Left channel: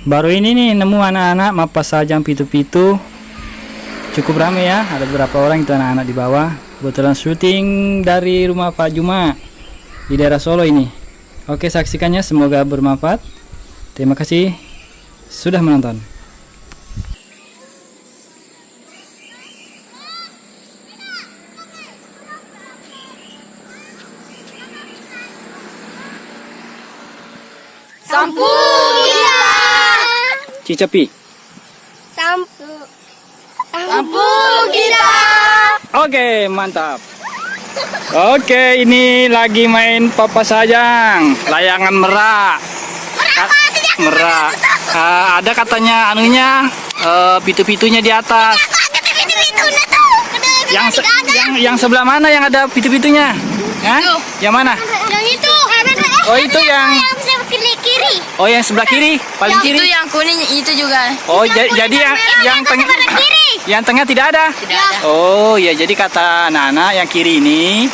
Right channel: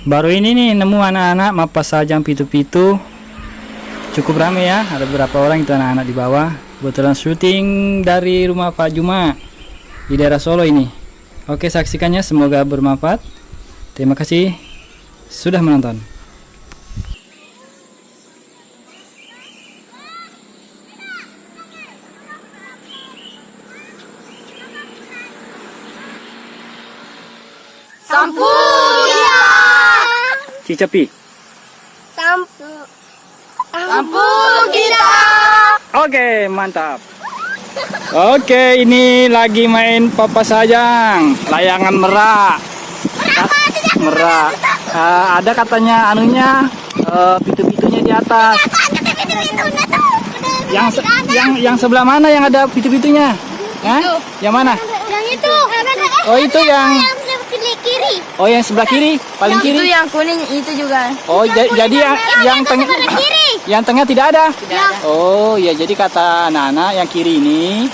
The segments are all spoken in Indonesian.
Baru ini nih nemu anak-anak mapas sajang pitu-pitu. Cukup ramai ya, ada beberapa orang itu anak-anak di bawah. Kebetulan syuting dari rumah Pak Juma di daerah Solo ini. Oke, saksikannya, semoga bermanfaat. Terima kasih sudah menonton. Sampu kita. Cicapi. Sampu kita. Oke, mantap. Oke, ini lagi main papas sajang, layangan merak. Merak. Ada katanya anunya, pitu-pitunya di atas. Yang sebelah mana yang ada pitu-pitunya? Hah? Yang mana? Yang itu. Oh, itu yang kiri. Oh, yang sebelah kiri, paling kiri. Itu yang kuning itu juga. Oh, jadi yang tengah yang tengah tidak ada. Tidak ada. Oh, ya, jadi kata anak-anak yang kiri ini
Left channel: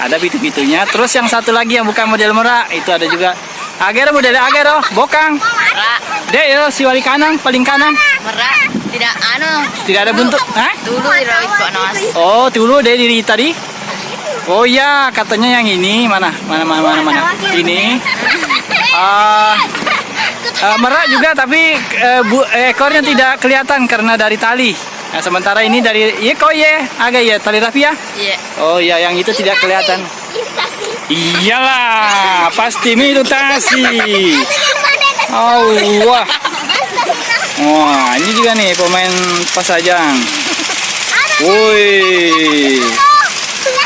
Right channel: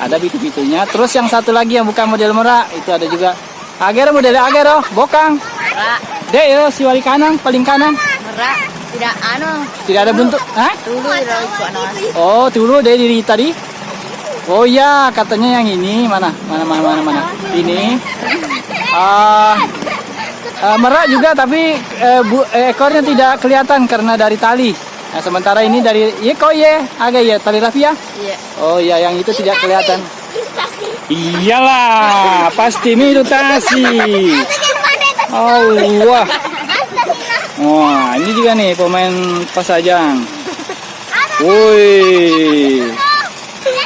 ada pitu-pitunya. Terus yang satu lagi yang bukan model merak itu ada juga. Agar model agar bokang. Merak. Dek, yo, si wali kanan, paling kanan. Merak. Tidak Tidak ada bentuk. Hah? Tulu ikut nos. Oh, dulu deh diri tadi. Oh ya, katanya yang ini mana? Ini. Merak juga, tapi ekornya tidak kelihatan karena dari tali. Nah, sementara ini dari agak ya tali rapi ya. Iya. Oh ya, yang itu tidak kelihatan. Iyalah, pasti imitasi. Oh wah. Wah, ini juga nih pemain pasajang. Woi,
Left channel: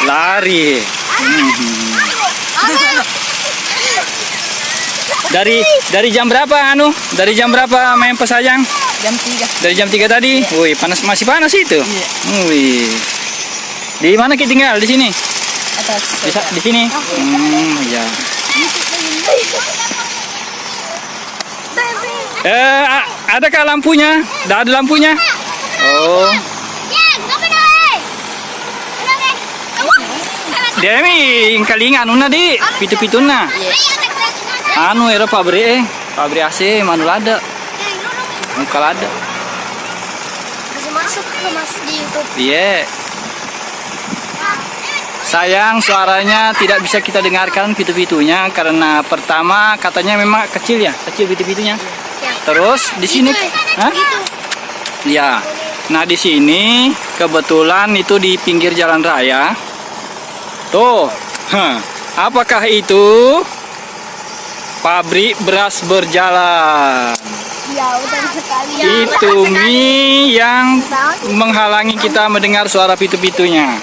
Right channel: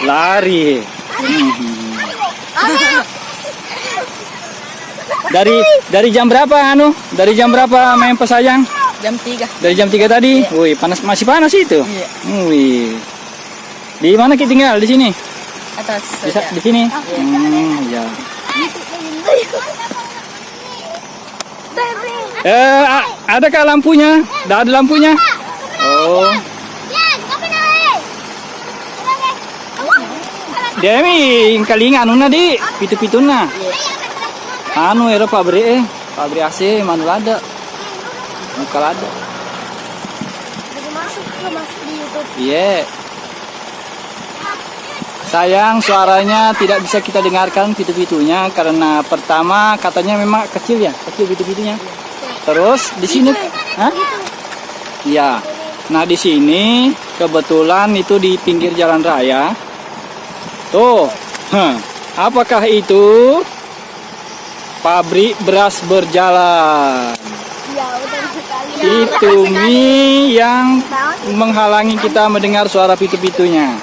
lari. Dari jam berapa Dari jam berapa main pasajang? Jam 3. Dari jam 3 tadi. Wih, masih panas itu. Iya. Wih. Di mana kita tinggal? Di sini. Atas. Di sini. Ya. Adakah lampunya? Tidak ada lampunya. Oh. Demi kalingan di pitu-pituna. Era pabrik AC manul ada. Mukal ada. Masuk ke Mas di YouTube. Iya. Sayang suaranya tidak bisa kita dengarkan pitu-pitunya karena pertama katanya memang kecil pitu-pitunya. Terus di sini, hah? Ya. Nah, di sini kebetulan itu di pinggir jalan raya. Tuh, apakah itu? Pabrik beras berjalan. Itu mie yang menghalangi kita mendengar suara pitu-pitunya.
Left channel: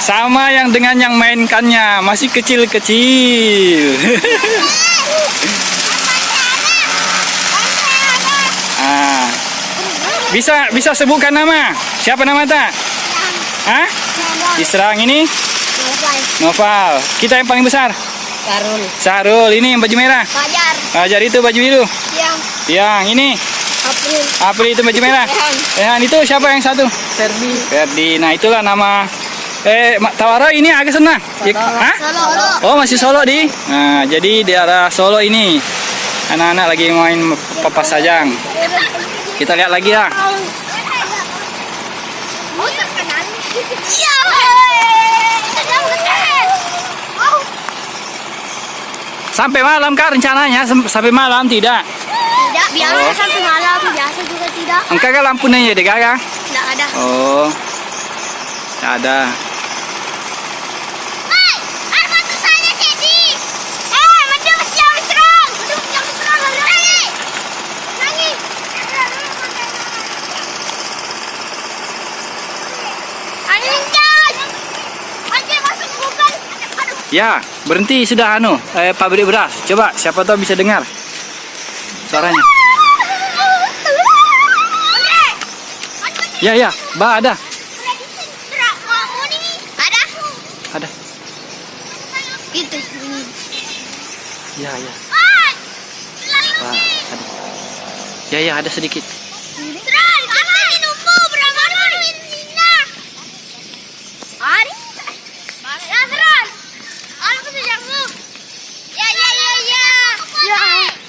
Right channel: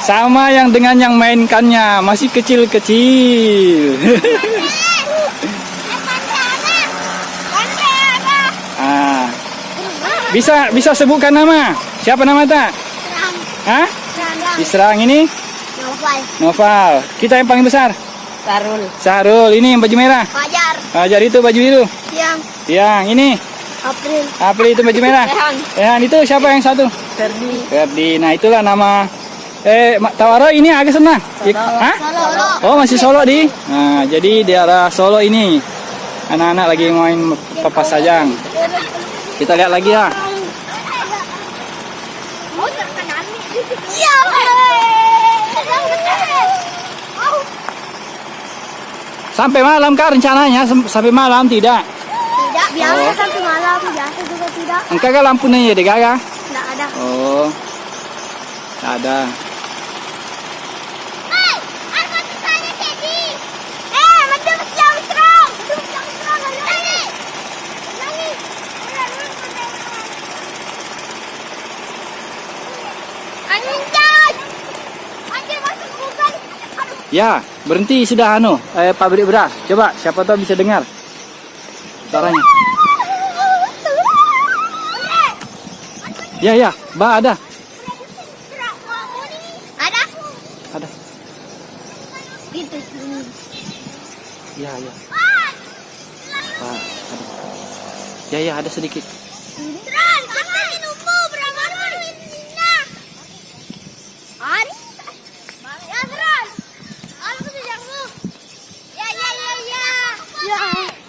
Sama yang dengan yang mainkannya, masih kecil-kecil. Bisa sebutkan nama? Siapa nama tak? Hah? Diserang ini? Noval. Kita yang paling besar? Sarul. Ini yang baju merah? Fajar itu baju biru? Yang ini? April itu baju merah? Rehan itu siapa yang satu? Ferdi. Nah, itulah nama. Tawara ini agak senang. Hah? Oh, masih Solo di. Nah, jadi di arah Solo ini anak-anak lagi main papas sajang. Kita lihat lagi ya. Sampai malam kah rencananya? Sampai malam tidak? Tidak, biasa sampai malam, biasa juga tidak. Engkau kan lampunya ya deh kakak? Tidak ada. Oh, tidak ada. Ya, berhenti sudah pabrik beras. Coba siapa tahu bisa dengar suaranya. Ya, ada. Ada. Itu. Ya. Ada. Ya, ada sedikit.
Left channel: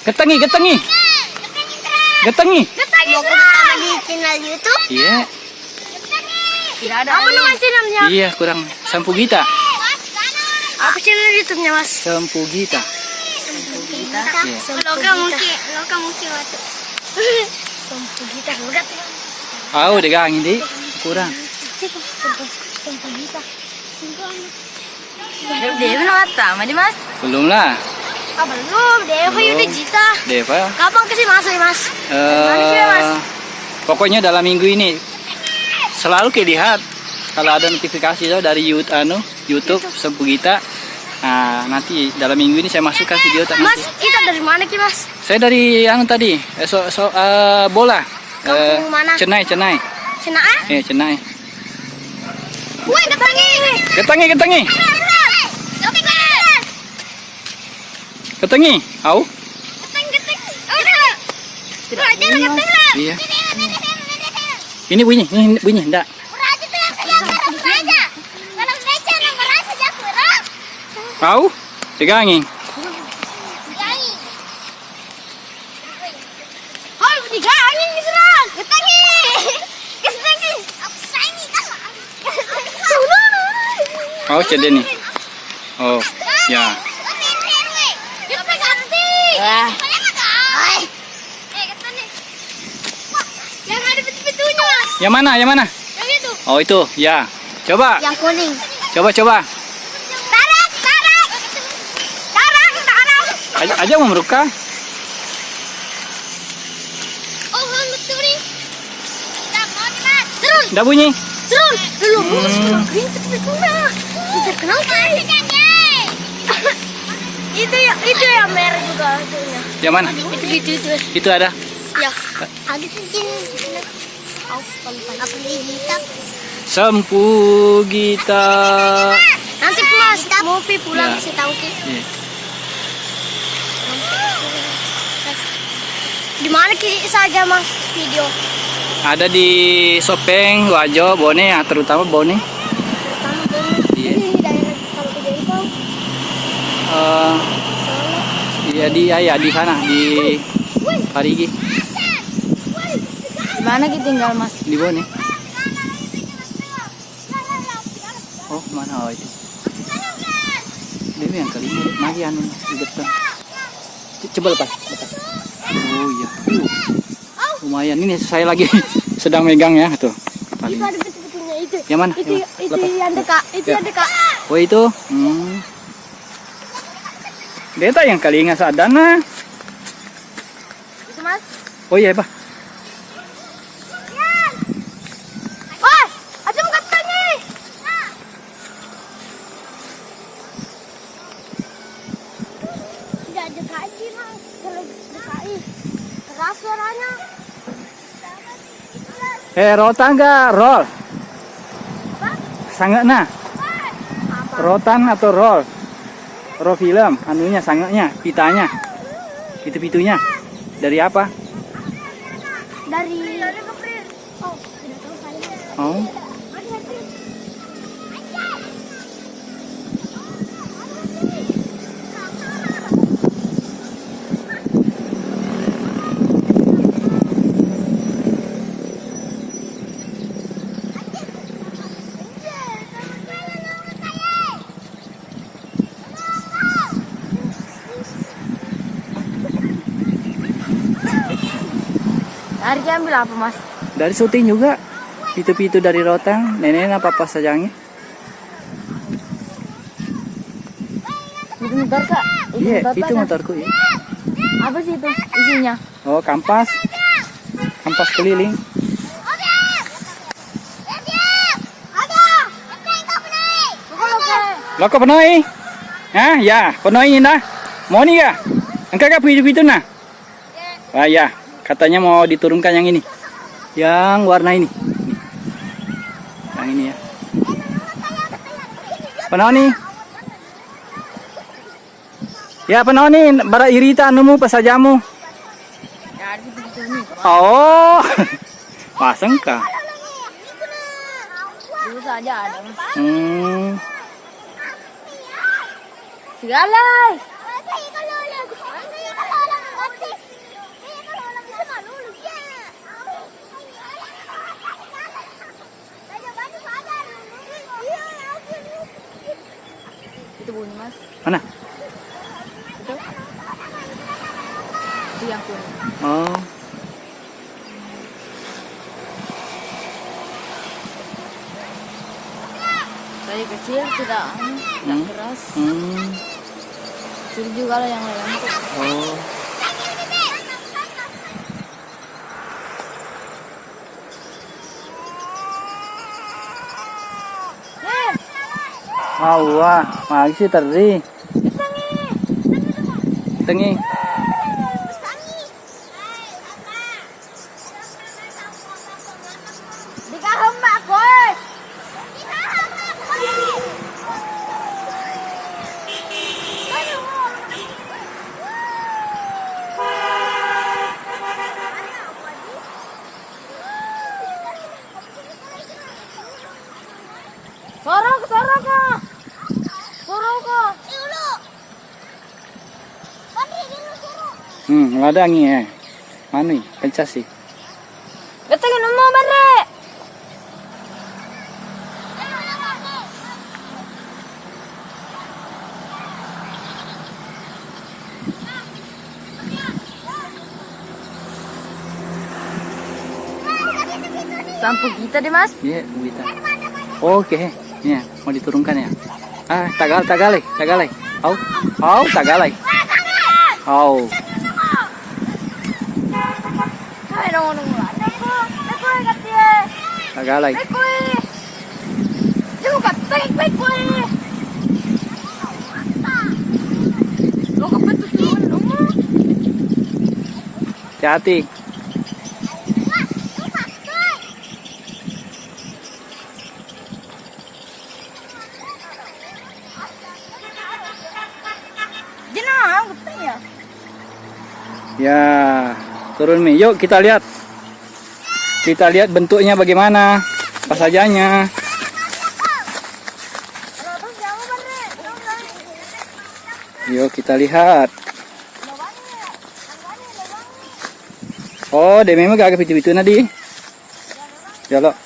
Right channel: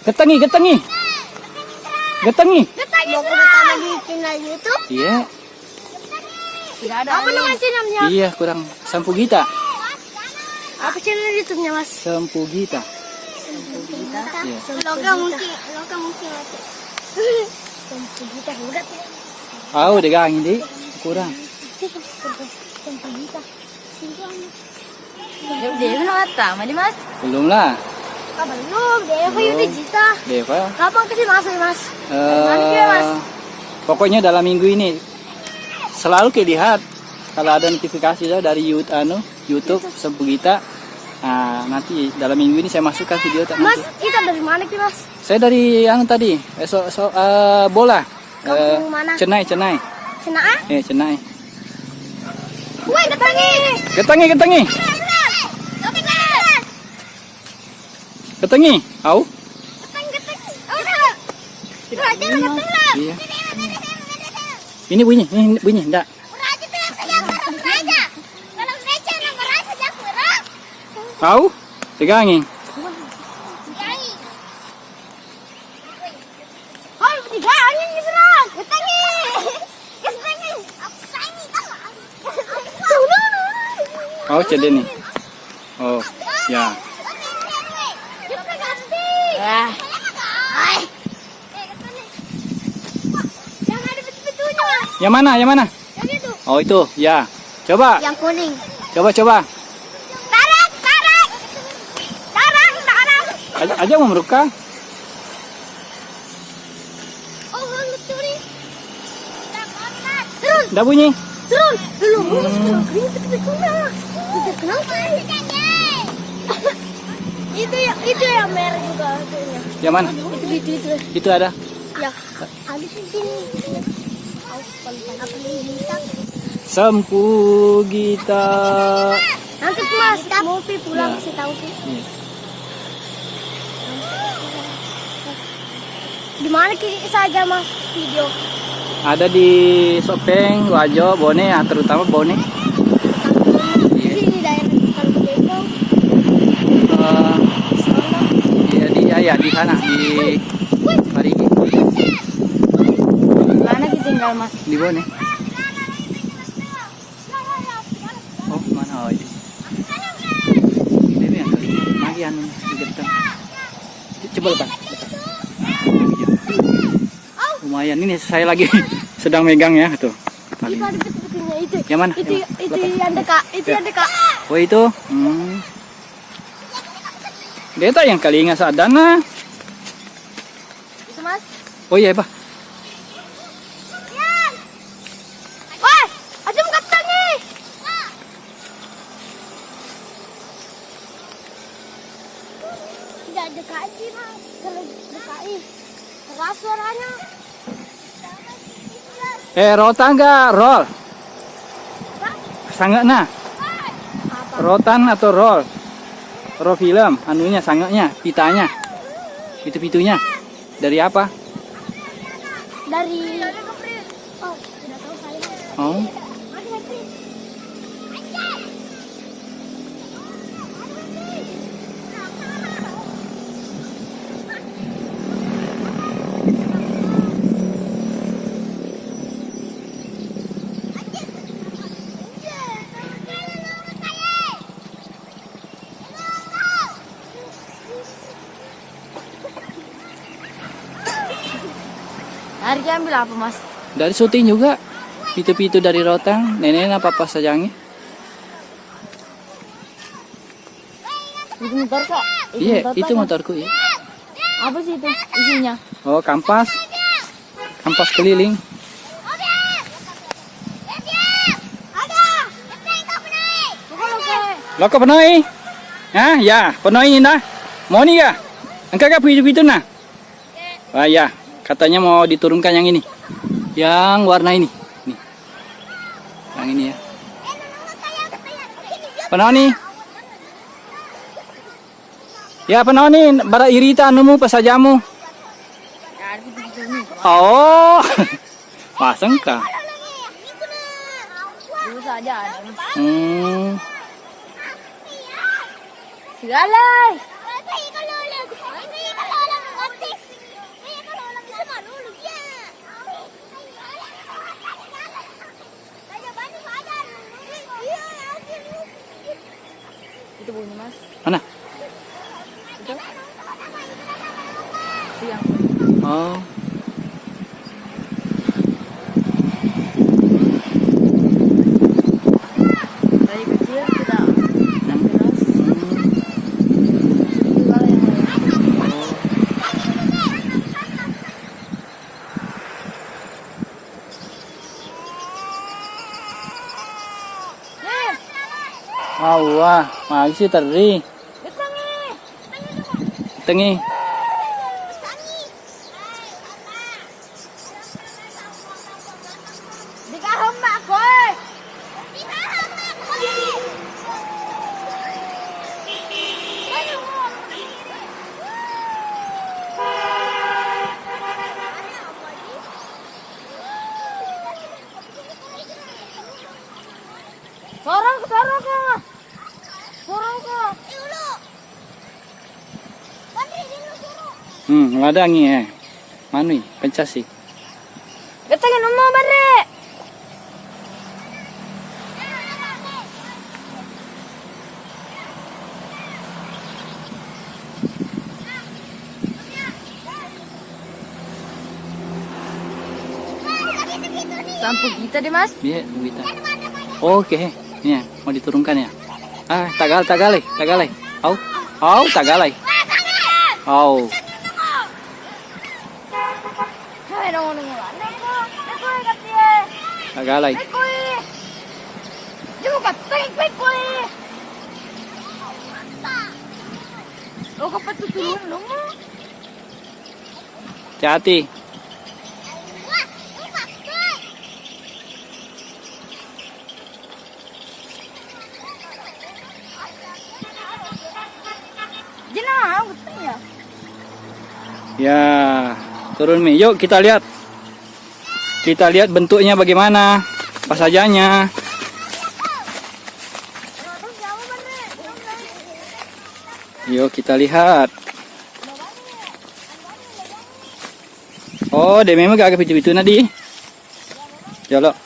Ketengi. Getangi. Mau pertama di channel YouTube? Iya. Tidak ada. Apa nama channelnya? Iya, kurang Sampugita. Apa channel YouTube-nya, Mas? Sampugita. Iya. Loka mungkin waktu. Sampugita, enggak tuh. Oh, degang ini kurang. Dewa nawata, Mas? Belum lah. Ah, belum. Dewa udah Jita. Deva. Kapan kasih masuk, Mas? Pokoknya dalam minggu ini selalu kelihat kalau ada notifikasi dari YouTube Sampugita. Nah, nanti dalam minggu ini saya masukkan video tak Mas, nanti. itu dari mana ki, Mas? Saya dari tadi bola. Kampung mana? Cenai. Cenai? Cenai. Woi, ketangi. Ketangi. Ketangi. Au? Iya. Ini bunyi, enggak. Au? Tegangin. Oh, cede nih. Oh, ya. Yang mana? Oh, itu. Ya. Coba. Yang kuning. Coba. Tarik. Aja mau meruka. Oh, betul nih. Terus. Udah bunyi. Terus. Terkenal kan? Itu yang merah juga itunya. Yang mana? Itu. Itu ada. Ya. Ada cincin. Apa digital? Sampugita. Nanti Mas mau pulang Ya. sih tahu ki. Iya. Di mana ki saja Mas video? Ada di Sopeng, Wajo, Bone, terutama Bone. Di daerah Kalimantan. Ya di sana di Parigi. Mana kita tinggal Mas? Di Bone. Oh, mana itu? Ini yang kali ini Marian di depan. Coba lepas. Oh iya. Lumayan ini saya lagi sedang megang ya tuh. Itu ada betul-betulnya itu. Yang mana? Itu yang dekat. Itu yang dekat. Oh itu. Deta yang kali ingat sadana. Itu Mas. Oh iya, Pak. Woi, ada katanya. Tidak dekat sih Mas. Kalau dekat keras suaranya. Rotan enggak? Roll. Sangat nah. Rotan atau roll? Roll film, anunya sangatnya, pitanya. Itu pitunya. Dari apa? Dari Oh. Harga ambil apa Mas? Dari syuting juga. Pitu-pitu dari rotan, nenek apa sajangnya. Itu motor Kak? Iya, itu motorku ya. Apa sih itu isinya? Oh, kampas. Kampas keliling. Loko penoi. Hah, ya, penoi dah. Mau nih ya? Engkau pitu-pitu nah? Ah ya, katanya mau diturunkan yang ini. Yang warna ini. Nih. Yang ini ya. Penoni. Ya penoni, bara irita anumu pasajamu. Oh. Pasang kah? Dulu saja ada. Segala. Itu yang Oh. dari kecil sudah Hmm. keras. Hmm. Jadi juga yang lain. Oh. Wah, masih teri. Tengi. Sorok ka. Sorok ka. Ladangi Manu pencas sih. Katanya mau bare. Sampul kita deh, Mas. Iya, kita. Oke, ya mau diturunkan ya. Tagalay. Au, tagalay. Au. Tagalay. Hati-hati. Ya, turun Mi. Yuk kita lihat. Kita lihat bentuknya bagaimana. Apa sajanya. Yuk kita lihat. Oh, dia memang agak pitu-pitu nadi. Jolo.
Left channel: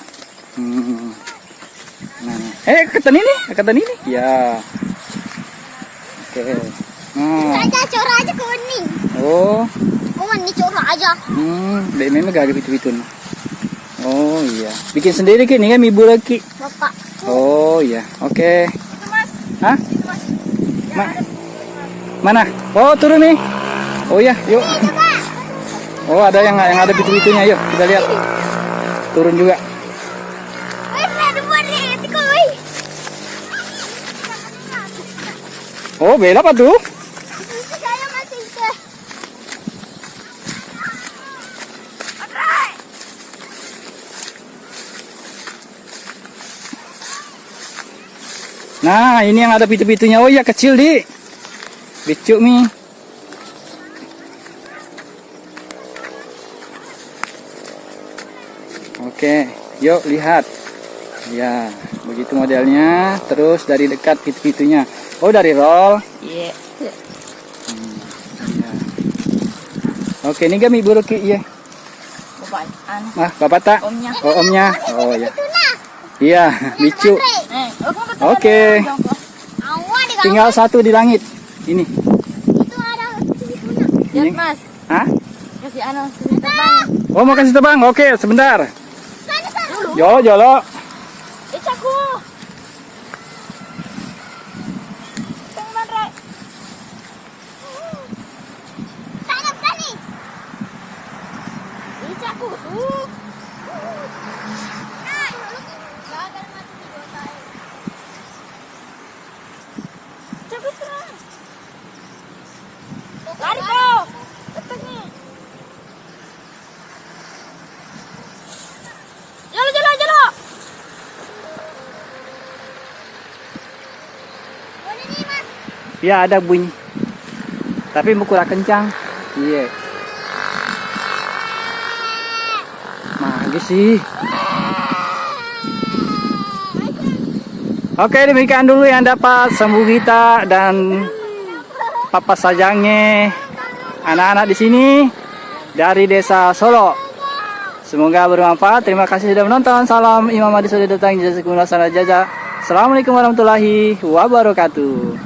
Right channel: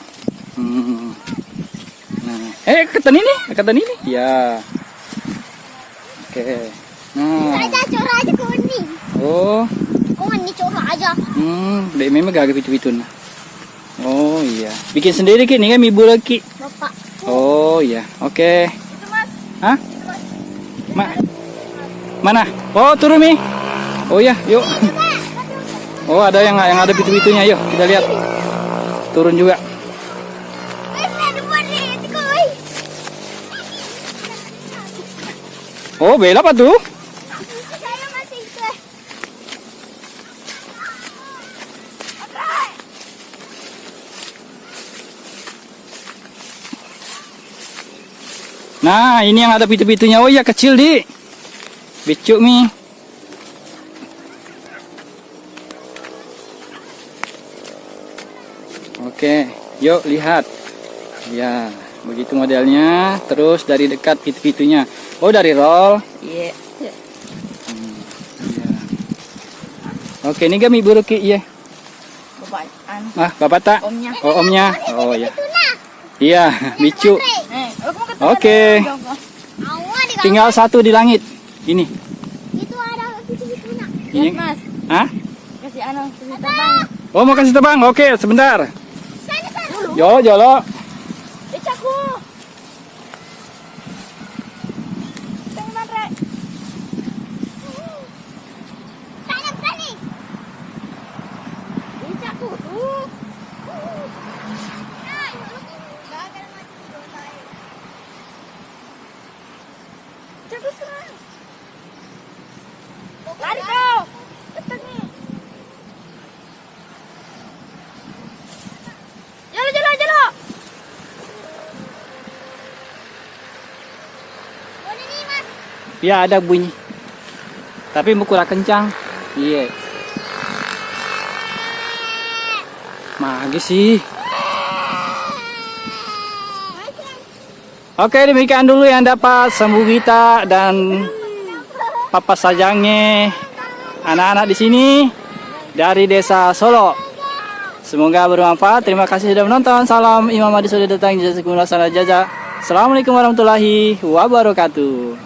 Nah. Ketan ini. Ya. Oke. Nah. Cora aja kuning. Oh. Kuning cora aja. Dia memang agak pitu-pitu nah. Oh iya. Bikin sendiri Ki, ini kan ibu lagi. Bapak. Oh iya. Oke. Hah? Mana? Oh, turun Mi. Oh iya, yuk. Oh, ada yang ada pitu-pitunya. Yuk, kita lihat. Turun juga. Oh, bela apa tuh? Nah, ini yang ada pitu-pitunya. Oh iya, kecil di. Dicuk Mi. Oke, yuk lihat. Ya, begitu modelnya. Terus dari dekat pitu-pitunya. Oh, dari roll. Iya. Ya. Oke, ini kami buruk Ki, ya. Bapak tak? Omnya. Oh, omnya. Oh ya. Iya, bicu. Oke. Tinggal satu di langit. Ini. Ini. Mas. Hah? Kasih anak terbang. Oh, mau kasih terbang. Oke, sebentar. Jolo. Icaku. Icaku tuh. Icaku serang. Lari kau. Cepat nih. Jalo. Ya, ada bunyi. Tapi kurang kencang. Iya. Magis sih. Oke, demikian dulu yang dapat Sembu Gita dan Papa Sajange anak-anak di sini dari Desa Solo. Semoga bermanfaat. Terima kasih sudah menonton. Salam Imam Adi sudah datang. Jazakumullah khairan jazaa. Assalamualaikum warahmatullahi wabarakatuh.